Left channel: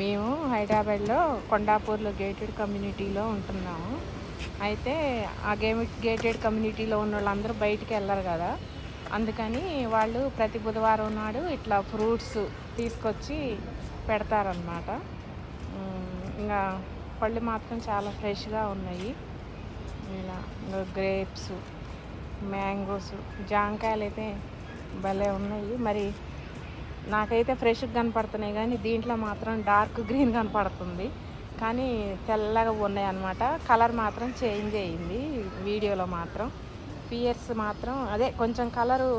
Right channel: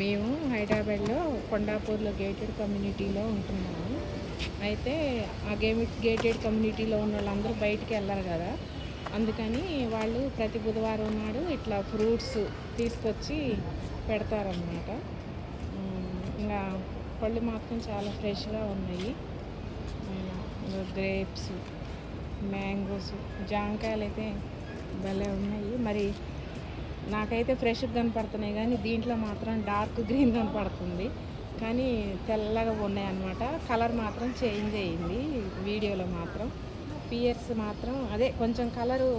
మేము హైదరాబాద్లో కొండాపూర్లో గేటెడ్ కమ్యూనిటీలో ఉంటున్నాము. అయితే ఆ గేటెడ్ కమ్యూనిటీలో ఉన్న వాళ్ళందరూ బయటికి వెళ్ళరు కదా, అందుకని వాళ్ళు ప్రతి బుధవారం నాడు ఇట్లా ఫ్రూట్స్ తీసుకొచ్చి పెడతారనమాట. ఇంకా పళ్ళు మాత్రం చాలా ఫ్రెష్గా ఉన్నాయి. ఇలా గ్రేప్స్, మ్యాంగోస్, జాంకాయలు అయితే భలే ఉన్నాయి. మరి నాకైతే ఫ్రెష్గా కనపడుతున్నాయి, కానీ దీంట్లో మాత్రం డార్క్ గ్రీన్ కనపడుతుంది, కానీ తెల్లగా ఉన్నాయి అన్నమాట. కలర్ మాత్రం చేంజ్ అయ్యింది వీడియోలో మాత్రం. పియర్స్ మాత్రం అదే కొంచెం కలరు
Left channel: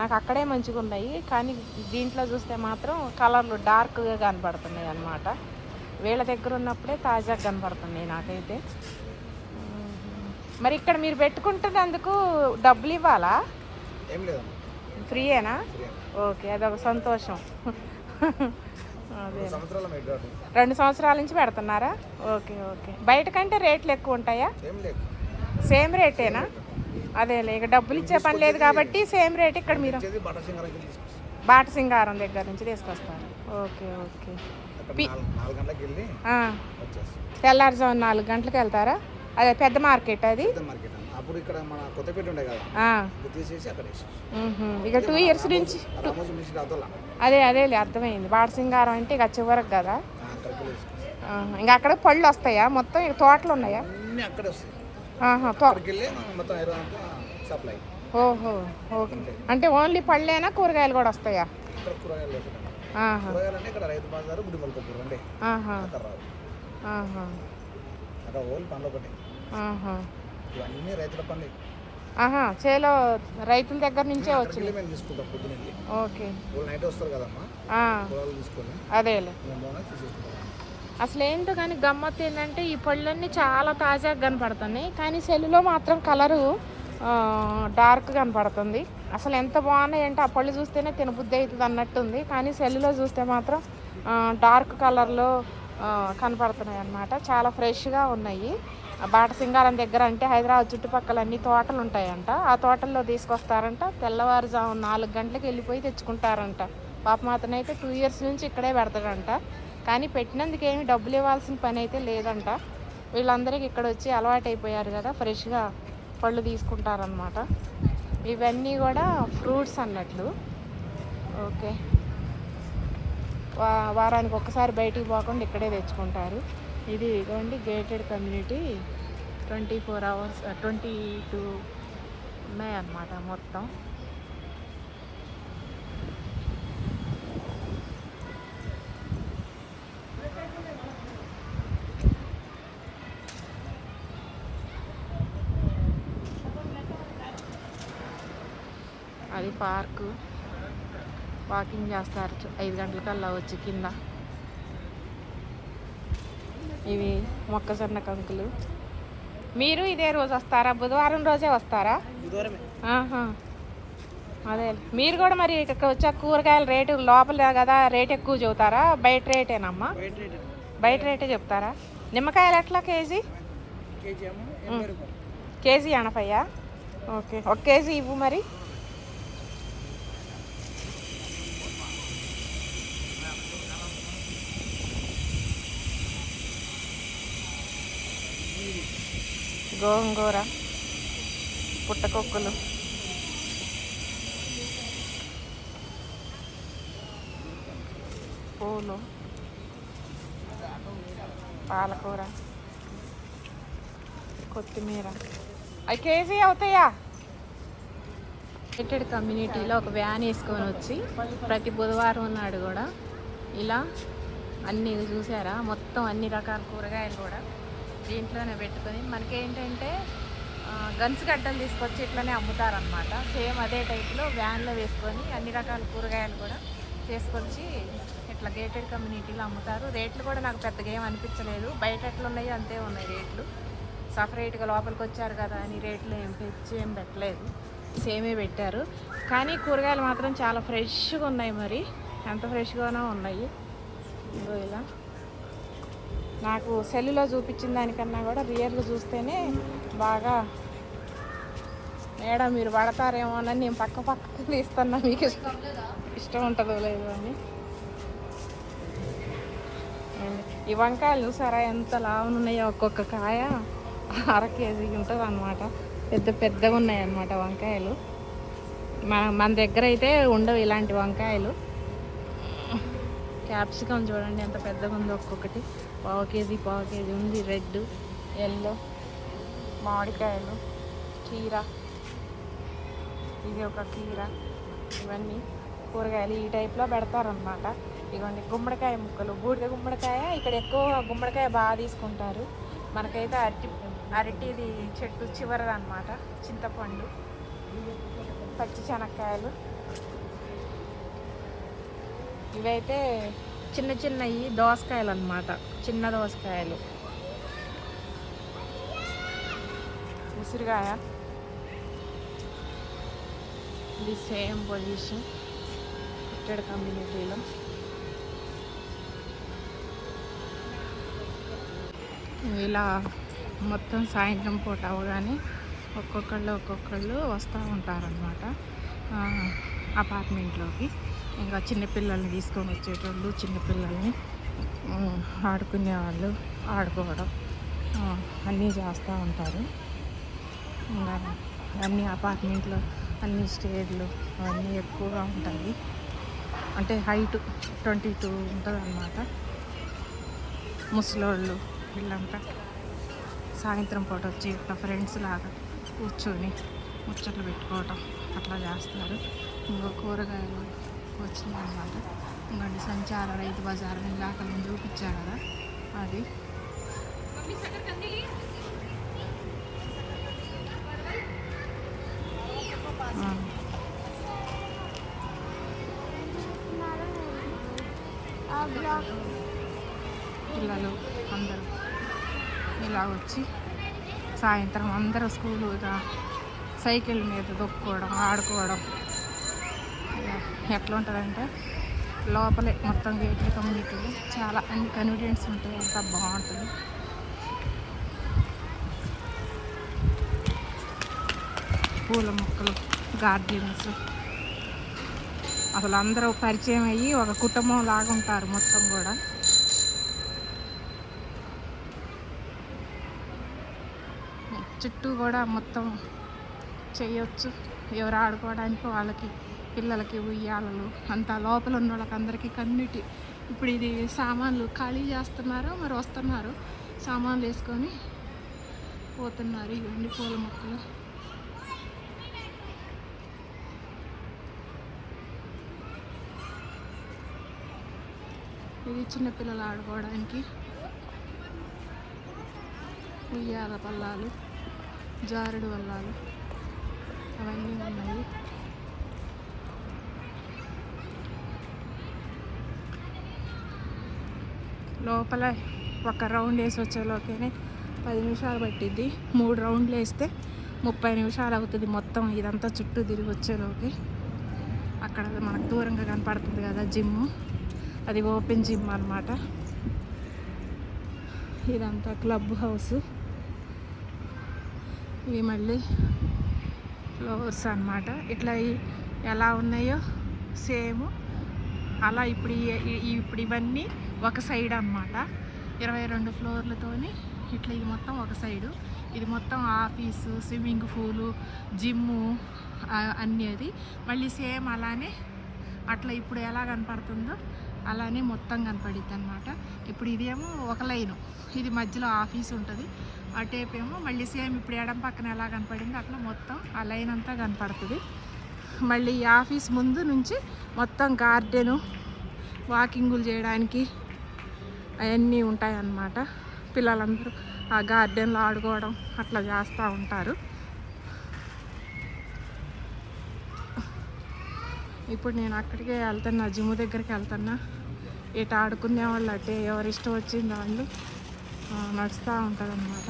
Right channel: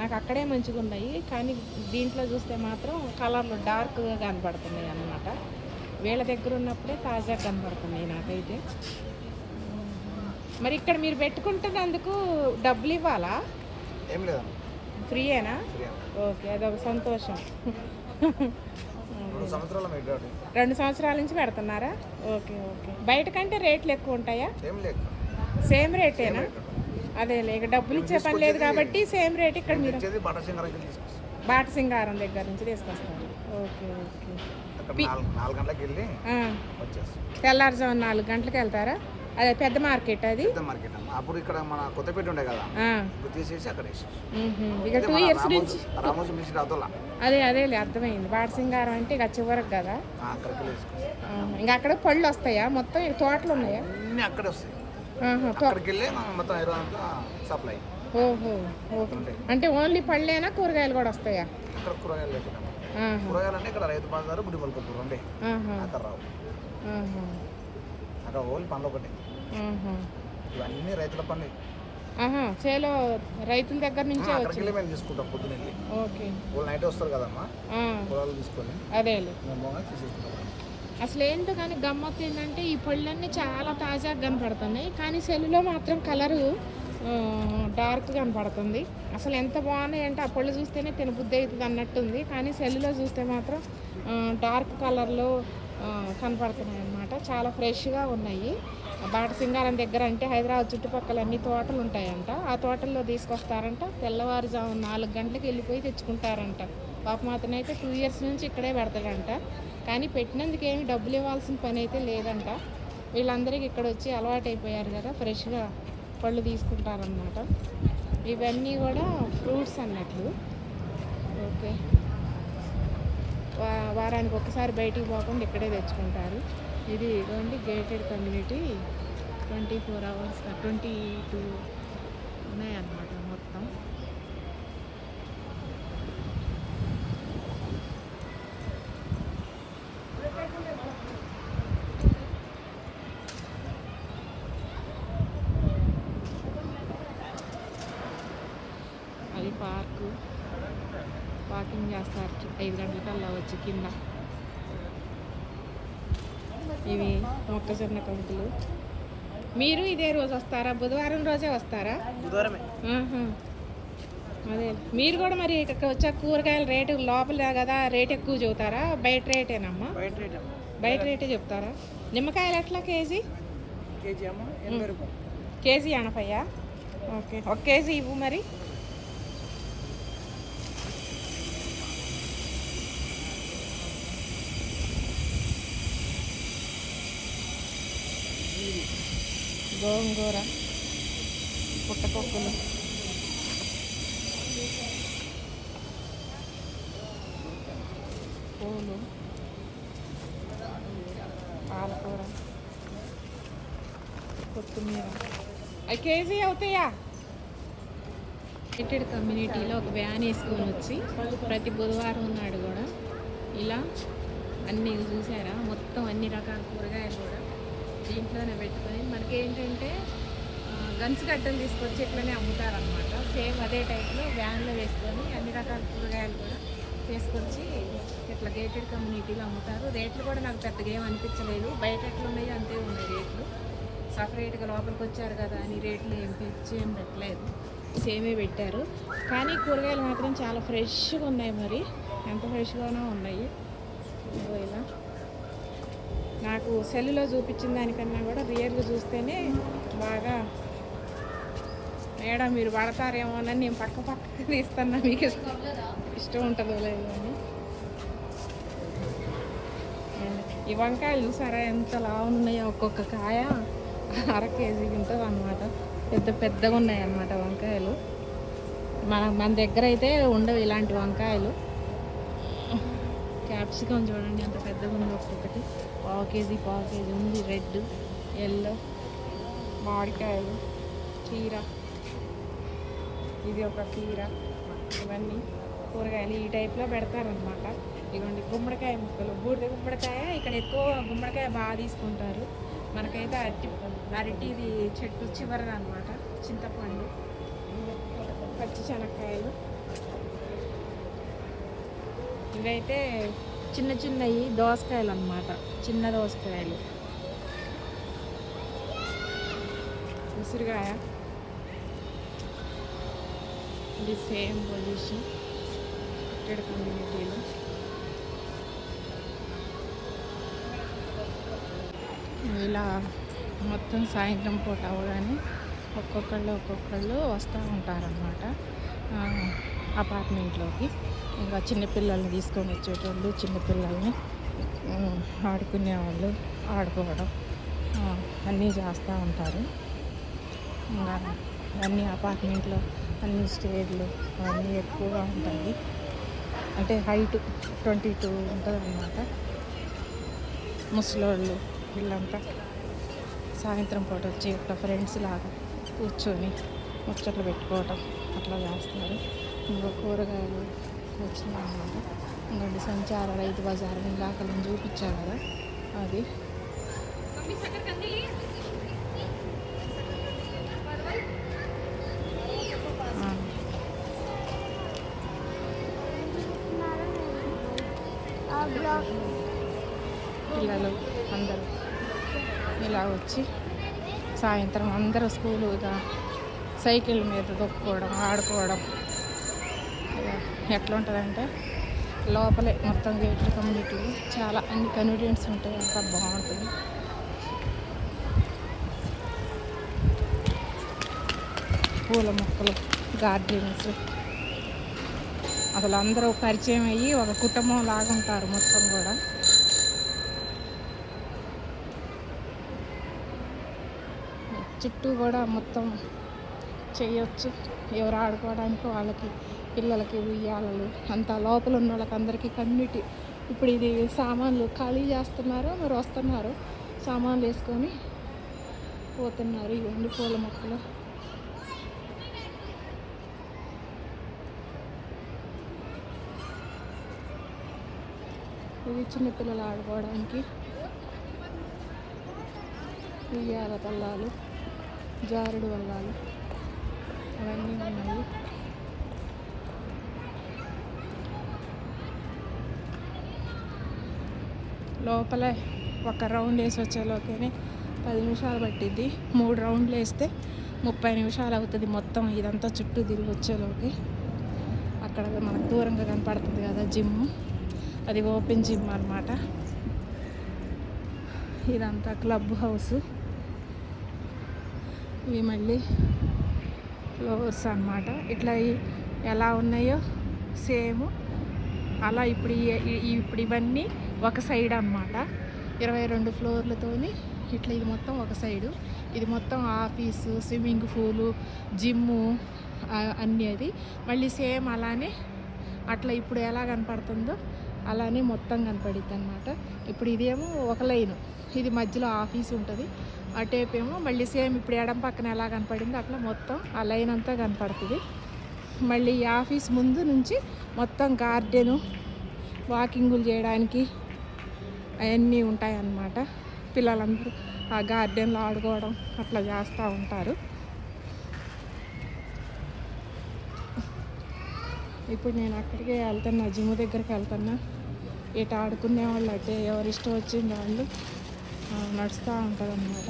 నాకు అక్కడే మంచిగా ఉన్నాయి, కానీ దీంట్లో చూస్తే మాత్రం కలర్లు డార్క్గా కనపడుతున్నాయి అన్నమాట. వీళ్ళ దగ్గర ఉన్నప్పుడే తాజాగా కనపడుతున్నాయి నాకైతే. మరి ఇక్కడ మీరు పెట్టుకుంటున్నందుకు డబ్బులు ఇవ్వాలా? ఏం లేదు, ఫ్రీయేనా? ఓకే, అదొక సంతోషం. 2 సంవత్సరాల నుంచి పెడుతున్నారా? Okay okay. బయట కంటే రేట్లు ఎక్కువ ఉంటాయా? సేమ్ రేటేనా? అదే ఇక డబ్బులు ఇచ్చే పని లేదు కాబట్టి సేమ్ రేట్. ఇక్కడ మీరు బాటసింగారం దగ్గర నుంచి తీసుకొస్తారు. Okay okay. తెల్లారుజాము 4 గంటలకు వెళ్తారా? అదే పెద్ద మార్కెట్ అది. అప్పుడు ఇక్కడ మన కొత్తపేట ఉండే కదా, తీసేసి అక్కడ ఇక 2 ఇయర్స్ నుంచి అదే అర్థమైంది. బాటసింగారం అంటే ఇక చివరకు కదా. ఇంకా అక్కడ పళ్ళు వస్తాయా? మొత్తం ఇక తోటలు ఉన్నాయా? అక్కడే వస్తాయి. సప్లై. ఓహో ఓకే. అంటే ఓన్లీ పళ్ళేనా, కూరగాయలు కూడా వస్తాయా? కూరగాయలు ఇక్కడ రైతు బజారు గుడిమల్కపూర్ ఉండే అక్కడ ఓన్లీ పనులు ఒకటి. ఇవన్నీ రైతుల పనులు. చేలో రైతుల దగ్గర నుంచే వచ్చి మేము తీసుకుంటాం పొద్దున. ఓకే, వాళ్ళు నైట్ వస్తారు కదమ్మా, పొలాలు తీసుకొని అదేలే. అసలు ఏంటో కానీ గమ్మత్తు ఏంటంటే ఈ పళ్ళన్నీ చాలా తాజాగా కనపడుతున్నాయి, కానీ సెల్లులో మాత్రం కలరు డార్క్ కనపడుతుంది. అసలు ఎంత బాగున్నాయి అంటే ఆ పళ్ళు చూస్తేనే తినబుద్ధి అవుతుంది అన్నట్టుంది, కానీ సెల్లులో చూస్తే మాత్రం డార్క్ కలర్లో కనపడుతున్నాయి అన్నమాట. చాలా ఫ్రెష్గా ఉన్నాయి. బాటసింగారం దగ్గర అంటే హైదరాబాద్ చుట్టుపక్కల అన్ని తోటలు ఉంటాయంట, ఆ తోటల్లో తీసుకొస్తారంట. తెల్లవారుజాము 4 గంటలకు వెళ్ళిపోయి తెచ్చుకుంటారంట. పాపం అతనైతే 2 ఇయర్స్ నుంచి ఇక్కడే పెడతాడంట, కానీ పెట్టినందుకు ఏమి డబ్బులు ఇవ్వాల్సిన పని అయితే లేదంట. వీళ్ళందరికీ ఇక్కడ వచ్చి అలవాటు అయిపోయారు కదా, ఫ్రెష్గా పళ్ళు తీసుకుంటారనమాట. ఇవన్నీ కూడా ఫ్రూట్స్ అన్నట్లు. ఓకే, వారానికి ఒక్కసారి బయటికి పోకుండా ఇక్కడే తెచ్చుకుంటారు. ఇది ఇదండి గేటెడ్ కమ్యూనిటీ. 24 hours 22 ఉన్నాయన్నమాట మొత్తం. అది పార్కు. వాకింగ్ చేస్తారు 5 గంటలకల్లా వచ్చి కింద. ఇవి మొక్కజొన్న కంకులు. మీరు ఇదే రోజు వస్తారా? బుధవారం రోజే వస్తారా? అదే. మీరు కూడా మరి ఇక్కడ వచ్చే కూరగాయల రేటు లోపల కదా రేట్ ఎక్కువ చెబుతారా, బయట రేటేనమ్మా? బయట రేటే చెప్తారా? నిమ్మకాయలు ఎట్లా కేజీ? కేజీ 80. ఓకే, 1 కేజీ ఇవ్వు మరి. గోంగూర, పుట్టకొక్కులు, పూలు, పాలకూర, కొత్తిమీర. అవి కేజీ అవుతాయా? గేటెడ్ కమ్యూనిటీలో ఒక వ్యాన్ వేసుకొని వచ్చి ప్రతి బుధవారం నాడు కూడా ఇలా అన్నీ చూసారా, మొత్తం అన్ని రకాల కూరగాయలు కూడా దీంట్లోనే పెట్టుకొని మనకేంటంటే గన్స్ గడ్డలు తీసుకొచ్చి ఇట్లనే అమ్ముతారనమాట. సేమ్ అదే టైప్లో వ్యాన్లో వేసుకొని అన్ని రకాల కూరగాయలు కూడా తీసుకొచ్చి ఇట్లా గేటెడ్ కమ్యూనిటీలో అమ్ముతారు. రేట్లు కూడా నాకు పెద్దగా ఏం అనిపించలేదు, బయట ఎట్లా ఉన్నాయో అంతే ఉన్నాయి రేట్లు. సపరేట్గా లోపలికి వచ్చారు కదా అని రేట్లు ఏం పెట్టలేదు, సేమే పెట్టారు. కానీ కూరగాయలు మాత్రం చాలా ఫ్రెష్గా ఉన్నాయి. మరి ఎంత ఫ్రెష్గానో ఉన్నాయి. ఇలా నాకు సెల్లులో చూపించిన దానికన్నా కూడా రియల్గా చూస్తేనే బాగా. మేడం మీరు పడతారేమోనని నేను పక్కకి తీస్తున్నా, మీకు ఇష్టం ఉంటుందో లేదో అని. ఈ వంకాయలు చూసారా ఎంత లావున ఉన్నాయో, ఒక్కొక్క కాయ 1/2 కేజీ ఉంటుంది అన్నమాట. పెద్ద పెద్దగా ఉన్నాయి అన్నమాట వంకాయలు. మన దగ్గర అయితే ఉండవు ఇలాంటి వంకాయలు. క్యాప్సికమ్ చూడండి ఎంత పెద్దగా ఉందో, ఒక్కొక్కటి 1/2 కేజీ ఉంది. రెడ్, ఎల్లో, మామిడికాయలు, కీర, ఇది ఒక కీర, ఇవన్నీ కూరగాయలు ఈ టైప్లో పెడతారనమాట. ఇవ్వండి గుమ్మడికాయ ముక్కలు, బూడిద గుమ్మడికాయ. ఇక్కడ ఎక్కువ గుమ్మడికాయ బాగా తీసుకుంటారు. మనకైతే అరటిది చెట్టు చివరది అనమాట. చింతపండు, పచ్చి శనక్కాయలు, ఇవైతే చిన్నవి దోసకాయలు అన్నమాట. చిన్న దోసకాయలు, ఉసిరికాయ. ఇది సేమ్ పొజిషన్ ఇక్కడ కమ్యూనిటీలో. ఇలా మొత్తం సాయంత్రం పూట అవగానే ఒక్కొక్కళ్ళు వస్తూ ఉంటారనమాట అపార్ట్మెంట్లోకి. ఇంకా చిన్నపిల్లల్ని తీసుకొని వచ్చేటోళ్ళు, చిన్నపిల్లల్ని ఆడుకునేవాళ్ళు ఆడుకోవడం అన్నీ చేస్తూ ఉంటారు. అన్ని అపార్ట్మెంట్లో అన్ని స్టేర్లు అన్నీ ఎక్కువగా ఉంటాయి. అంటే హైట్ 22 ఉంటుంది అన్నమాట. ముసలోళ్ళు వీళ్ళంతా సాయంత్రం పూట వచ్చి ఒక ఫ్రెండ్స్ లాగా కూర్చొని ముచ్చట్లు పెట్టుకోవటం అట్లా చేస్తారు. ఇంకా కూరగాయలు వచ్చినాయి అన్నమాట. ఇంకా సంచార రైతు బజార్ ఇందాక నేను చూపించాను కదా, అది. పిల్లలు అందరూ ఇలా వచ్చి సాయంత్రం అందరూ స్కూలు సైకిల్ మీద దొక్కుకోవడం, ఆడుకోవడం. ఎట్లా ఉంటుందంటే లోపలే మొత్తం గేటెడ్ కమ్యూనిటీ, చాలా అన్ని కన్వీనియన్స్ ఉంటాయి. అంతా బాగుంటుంది. పూల మొక్కలు, గార్డెన్స్, అసలు అందరూ పరిచయం అయ్యి ఒక కుటుంబం లాగా ఉంటారు మొత్తం కూడా. చుట్టూ కూడా మొత్తం చేయొచ్చు. ఎవరు ఆడుకోవడానికి వాళ్ళకి, పిల్లలకి ఉయ్యాలలు అంతా లోపల ఉన్న వాళ్ళకి అందరికీ కమ్యూనిటీ. ఇప్పుడు ఇది సామాన్లు ఖాళీ చేస్తున్నారు, మరి వస్తున్నారు సామాన్లు వేసుకొని పోతున్నారు. ఇవన్నీ పూల మొక్కలు. ఇది చిన్నపిల్లలు ఆడుకోవడానికి ఉయ్యాల పల్లాలు, జారుడు వల్లాలు అవన్నీ ఉన్నాయి. లోపల ఒక రౌండ్ వేసి వచ్చేలోకేనే 10 నిమిషాలు పట్టిద్ది. 3 రౌండ్లు వేస్తే 30 నిమిషాలు అవుతుంది మొత్తం ఇదంతా చుట్టూ తిరిగి వచ్చేలోకి. అక్కడ మనకు దూరంగా కనపడుతుంది కదా జిమ్, అది ఓపెన్ జిమ్ అన్నమాట. ఇదంతా క్లబ్ హౌస్. ఇవి మళ్ళీ ఫ్లోర్స్ అన్నమాట. ఇట్లా ఎలా ఉన్నాయో సేమ్ అలా ఇప్పుడు ఇవన్నీ ఒక సైడ్ అన్నమాట. 22 ఫ్లోర్లతోని ఇట్లా ఇది మొత్తం ఒక సైడు. ఇది మొత్తం ఆఫీసు, స్విమ్మింగ్ పూలు, జిమ్ము అన్నీ. అది మళ్ళీ సేమ్ అలానే అట్లా ఇప్పుడు ఎలా కనపడుతుందో అలానే మొత్తం కనపడుద్ది అన్నమాట. ఇప్పుడు ఇదేమో ఒక లైను, ఇది మధ్యలో ఆఫీస్ ఉంటుంది. అటేపు ఏమో మళ్ళీ సేమ్ ఇప్పుడు ఎడం పక్కన ఎలా కనపడిందో అట్లా మొత్తం ఆ లైన్ అంతా కనపడుతుంది. మళ్ళీ ఈ ఆఫీస్ ముందు నుంచి మొత్తం గార్డెను, వాకింగులు చేయడానికి అవన్నీ ఉంటాయి అన్నమాట. పిల్లలందరూ ఆ గార్డెన్లో ఆడుకోవడం అట్లా చేస్తూ ఉంటారు. ఇప్పుడు నేను అక్కడికే వెళ్తున్నా, జిమ్ దగ్గరికి వెళ్తున్నా. ఇటు ఆడుకునే వాళ్ళు అటే ఎవరు ఇష్టం వచ్చింది వాళ్ళు నడుస్తూ ఉంటుంది అన్నమాట.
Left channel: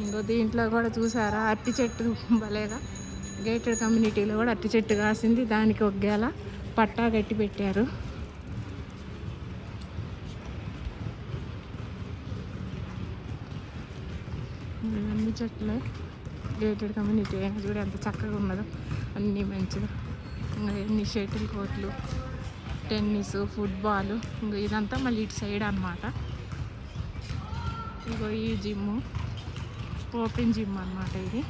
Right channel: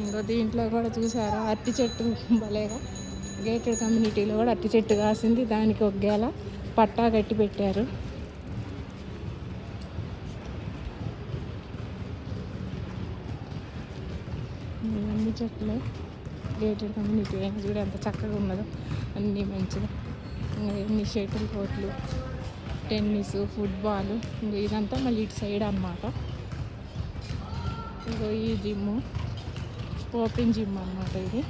ఇంకో దీంట్లో కూడా చూసారా అరటి చెట్టు భలేగా, గేటెడ్ కమ్యూనిటీలో కూడా అరటి చెట్టు కాసింది. దానికి ఒక గేల పట్టా కట్టి పెట్టారు. అన్ని చెట్లు గేటెడ్ కమ్యూనిటీ చూడ ఎంత చక్కగా ఉన్నదో, అన్నీ మంచిగా. ఇంకా ఎన్ని షటిల్ కోట్లు టెన్నిస్, ఫుట్బాల్, ఇంకో ఇదంతా మళ్ళీ ఇటు సైడ్ అనమాట. ఇంకో ఈ జిమ్ ఓపెన్ జిమ్ అనమాట ఇది.